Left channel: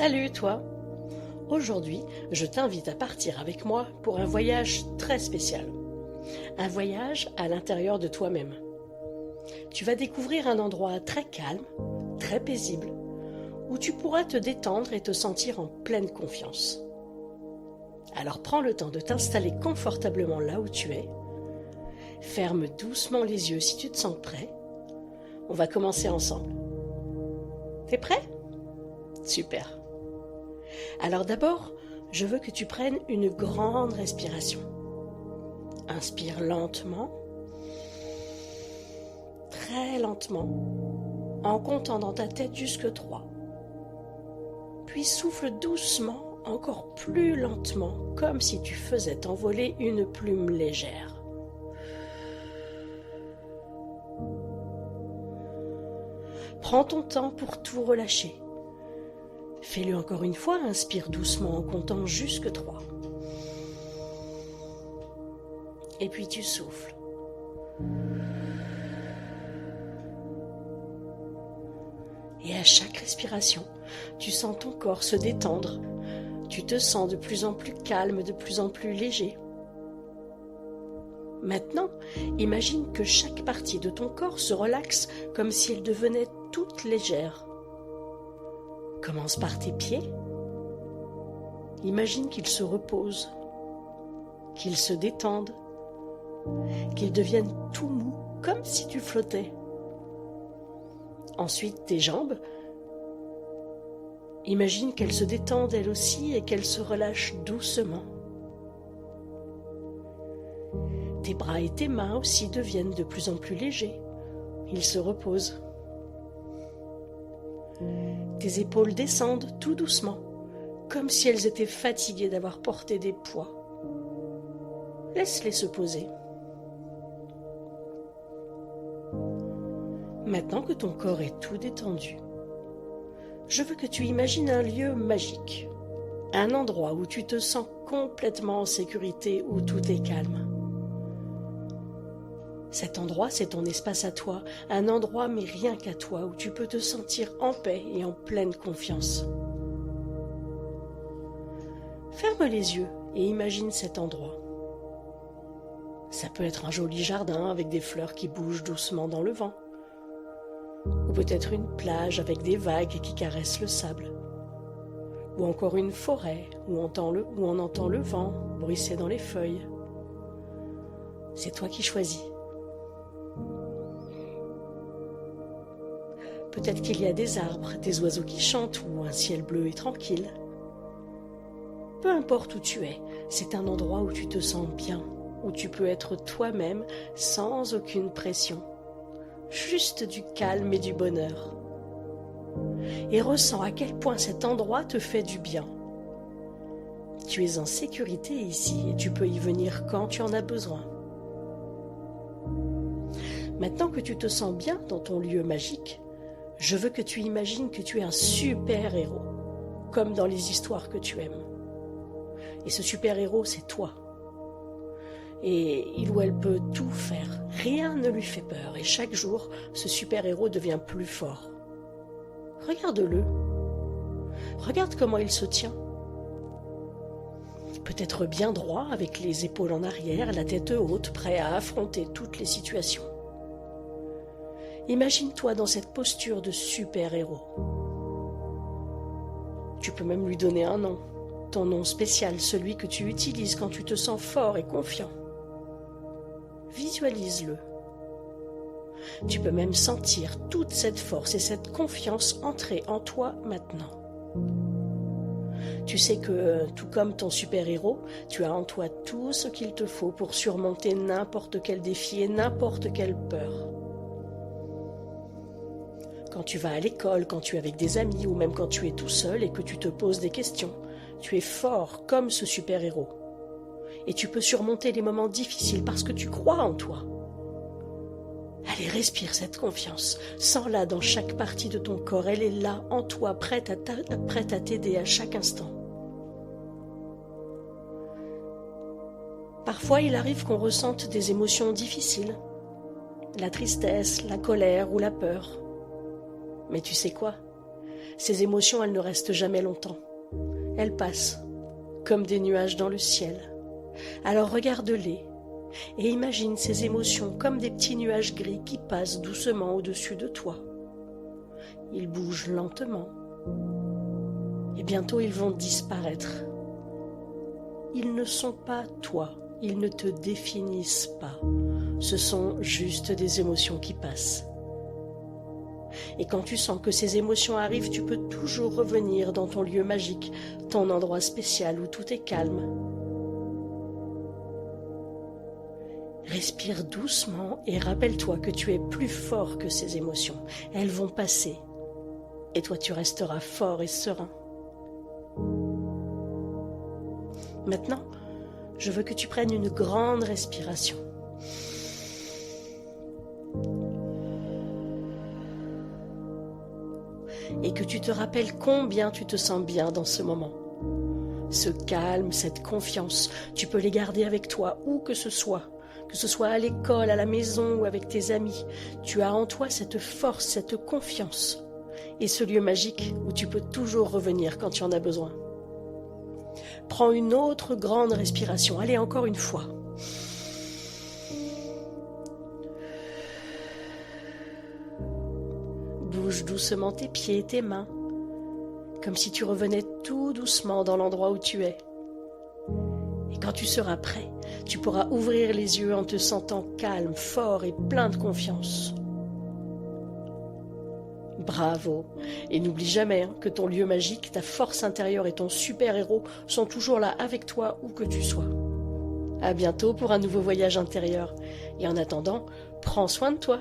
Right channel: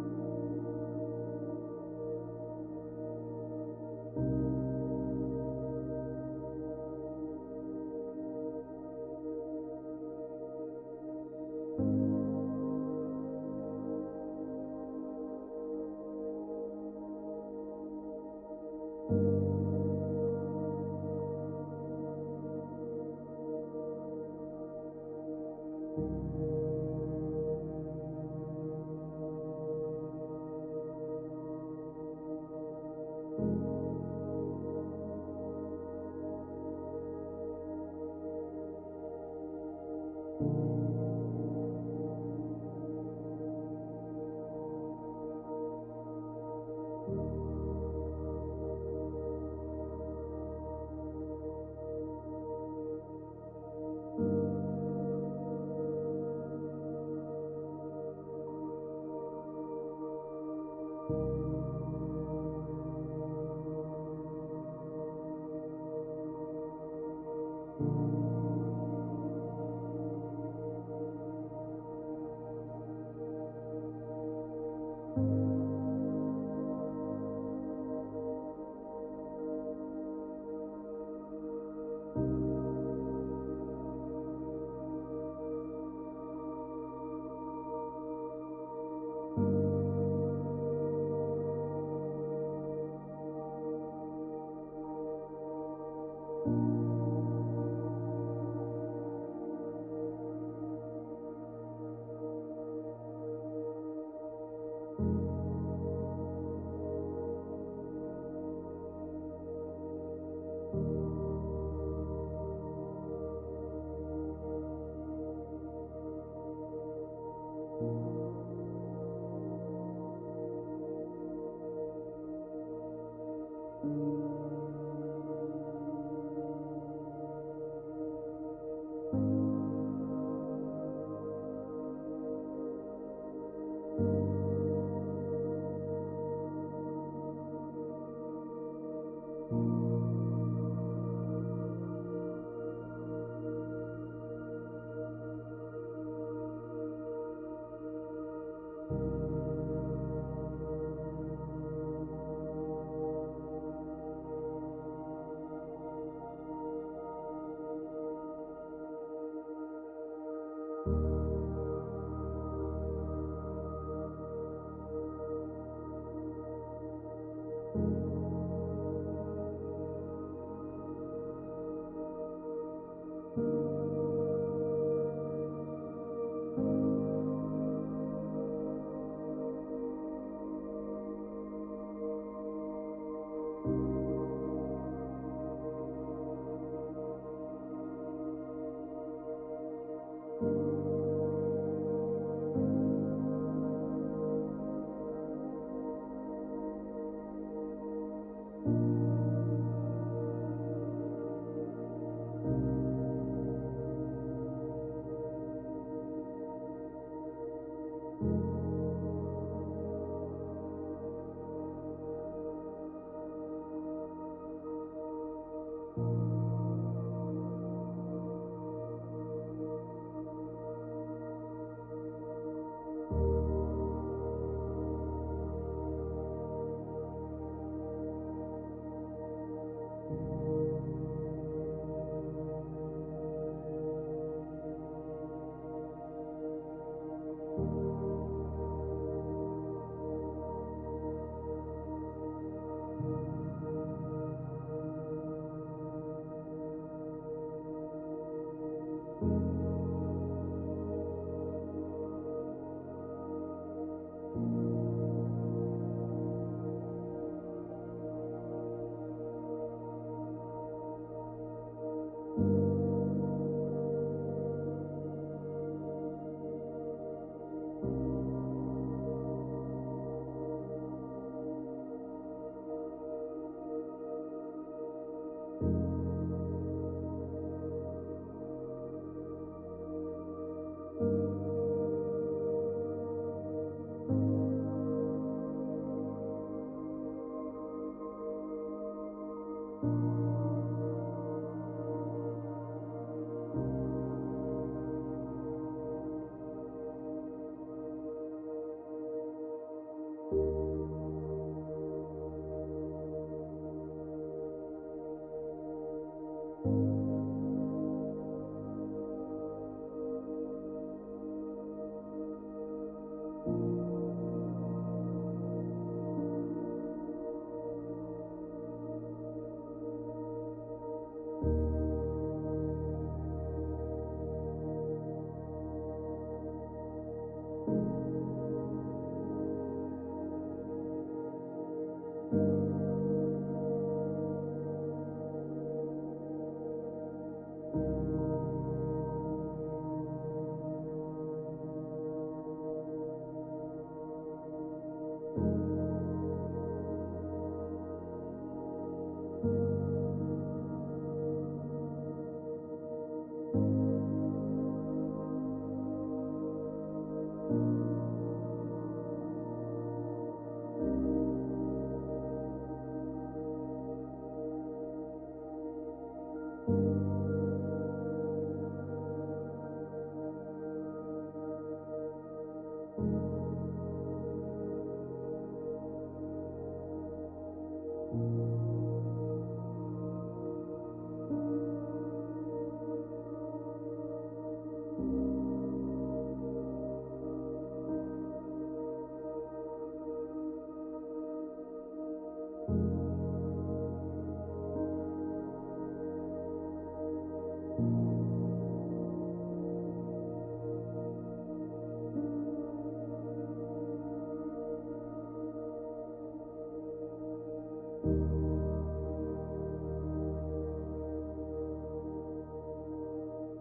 Salut toi! Aujourd'hui, je t'invite à partir avec moi pour un voyage très spécial. Un voyage à l'intérieur de toi-même. Tu vas découvrir un endroit très calme, très paisible, où tu pourras te détendre et te sentir en pleine confiance. Alors prends le temps de t'installer confortablement là où tu es. Ferme doucement les yeux si tu te sens prêt. On va commencer ensemble. T'es prêt? Super. Alors d'abord, je veux que tu prennes une grande respiration. Inspire lentement, très lentement, en comptant dans ta tête jusque 3. Puis souffle doucement, encore plus lentement, comme si tu faisais envoler une plume légère. Prends ton temps pour tout relâcher. Fais-le encore une fois, inspire doucement en comptant jusque 3. Et puis tu souffles. Et à chaque respiration, tu sens ton corps se détendre. Tu te sens de plus en plus calme, de plus en plus léger. Maintenant, imagine que chaque partie de ton corps se relaxe comme si elle devenait toute légère. Commence par tes pieds. Imagine qu'ils se reposent, qu'ils se détendent, qu'ils deviennent tout mous, comme si tu flottais. Ensuite, tes jambes. Imagine qu'elles se détendent elles aussi et qu'elles se relâchent doucement. Tes bras et tes mains aussi deviennent de plus en plus légers. Ils se reposent. Tes épaules descendent tout doucement, comme si elles étaient fatiguées d'avoir porté des poids. Laisse-les se poser. Maintenant que ton corps est tout détendu, je veux que tu imagines un lieu magique, un endroit où tu te sens complètement en sécurité, où tout est calme. Cet endroit, c'est ton espace à toi, un endroit mais rien qu'à toi, où tu peux te sentir en paix et en pleine confiance. Ferme les yeux et imagine cet endroit. Ça peut être un joli jardin avec des fleurs qui bougent doucement dans le vent. Ou peut-être une plage avec des vagues qui caressent le sable. Ou encore une forêt où on entend le vent bruisser dans les feuilles. C'est toi qui choisis. Peut-être qu'il y a des arbres, des oiseaux qui chantent ou un ciel bleu et tranquille. Peu importe où tu es, c'est un endroit où tu te sens bien, où tu peux être toi-même sans aucune pression. Juste du calme et du bonheur. Et ressens à quel point cet endroit te fait du bien. Tu es en sécurité ici et tu peux y venir quand tu en as besoin. Maintenant que tu te sens bien dans ton lieu magique, je veux que tu imagines que tu es un super-héros, comme dans les histoires que tu aimes. Et ce super-héros, c'est toi. Et il ou elle peut tout faire, rien ne lui fait peur, et chaque jour, ce super-héros devient plus fort. Regarde-le. Regarde comment il se tient. Peut-être bien droit, avec les épaules en arrière, la tête haute, prêt à affronter toutes les situations. Imagine-toi dans cette posture de super-héros. Tu peux même lui donner un nom, ton nom spécial, celui que tu utilises quand tu te sens fort et confiant. Visualise-le. Tu peux même sentir toute cette force et cette confiance entrer en toi maintenant. Tu sais que, tout comme ton super-héros, tu as en toi tout ce qu'il te faut pour surmonter n'importe quel défi et n'importe quelle peur. Quand tu vas à l'école, quand tu es avec des amis ou même quand tu es tout seul et que tu te poses des questions, tu es fort comme ce super-héros. Et tu peux surmonter les moments difficiles parce que tu crois en toi. Allez, respire cette confiance. Sens-la dans chaque partie de ton corps. Elle est là, en toi, prête à t'aider à chaque instant. Parfois, il arrive qu'on ressente des émotions difficiles. La tristesse, la colère ou la peur. Mais tu sais quoi ? Ces émotions, elles ne restent jamais longtemps. Elles passent, comme des nuages dans le ciel. Alors regarde-les et imagine ces émotions comme des petits nuages gris qui passent doucement au-dessus de toi. Ils bougent lentement et bientôt ils vont disparaître. Ils ne sont pas toi, ils ne te définissent pas. Ce sont juste des émotions qui passent. Et quand tu sens que ces émotions arrivent, tu peux toujours revenir dans ton lieu magique, ton endroit spécial où tout est calme. Respire doucement et rappelle-toi que tu es plus fort que ces émotions. Elles vont passer et toi tu resteras fort et serein. Maintenant, je veux que tu prennes une grande respiration. Et que tu te rappelles combien tu te sens bien dans ce moment. Ce calme, cette confiance, tu peux les garder avec toi où que ce soit à l'école, à la maison ou avec tes amis. Tu as en toi cette force, cette confiance et ce lieu magique où tu peux toujours revenir quand tu en as besoin. Prends une autre grande respiration. Allez, encore une fois. Bouge doucement tes pieds et tes mains, comme si tu revenais tout doucement dans l'endroit où tu es. Et quand tu seras prêt, tu pourras ouvrir les yeux en te sentant calme, fort et plein de confiance. Bravo! Et n'oublie jamais que ton lieu magique, ta force intérieure et ton super-héros sont toujours là avec toi où que tu sois. À bientôt pour un nouveau voyage intérieur. Et en attendant, prends soin de toi.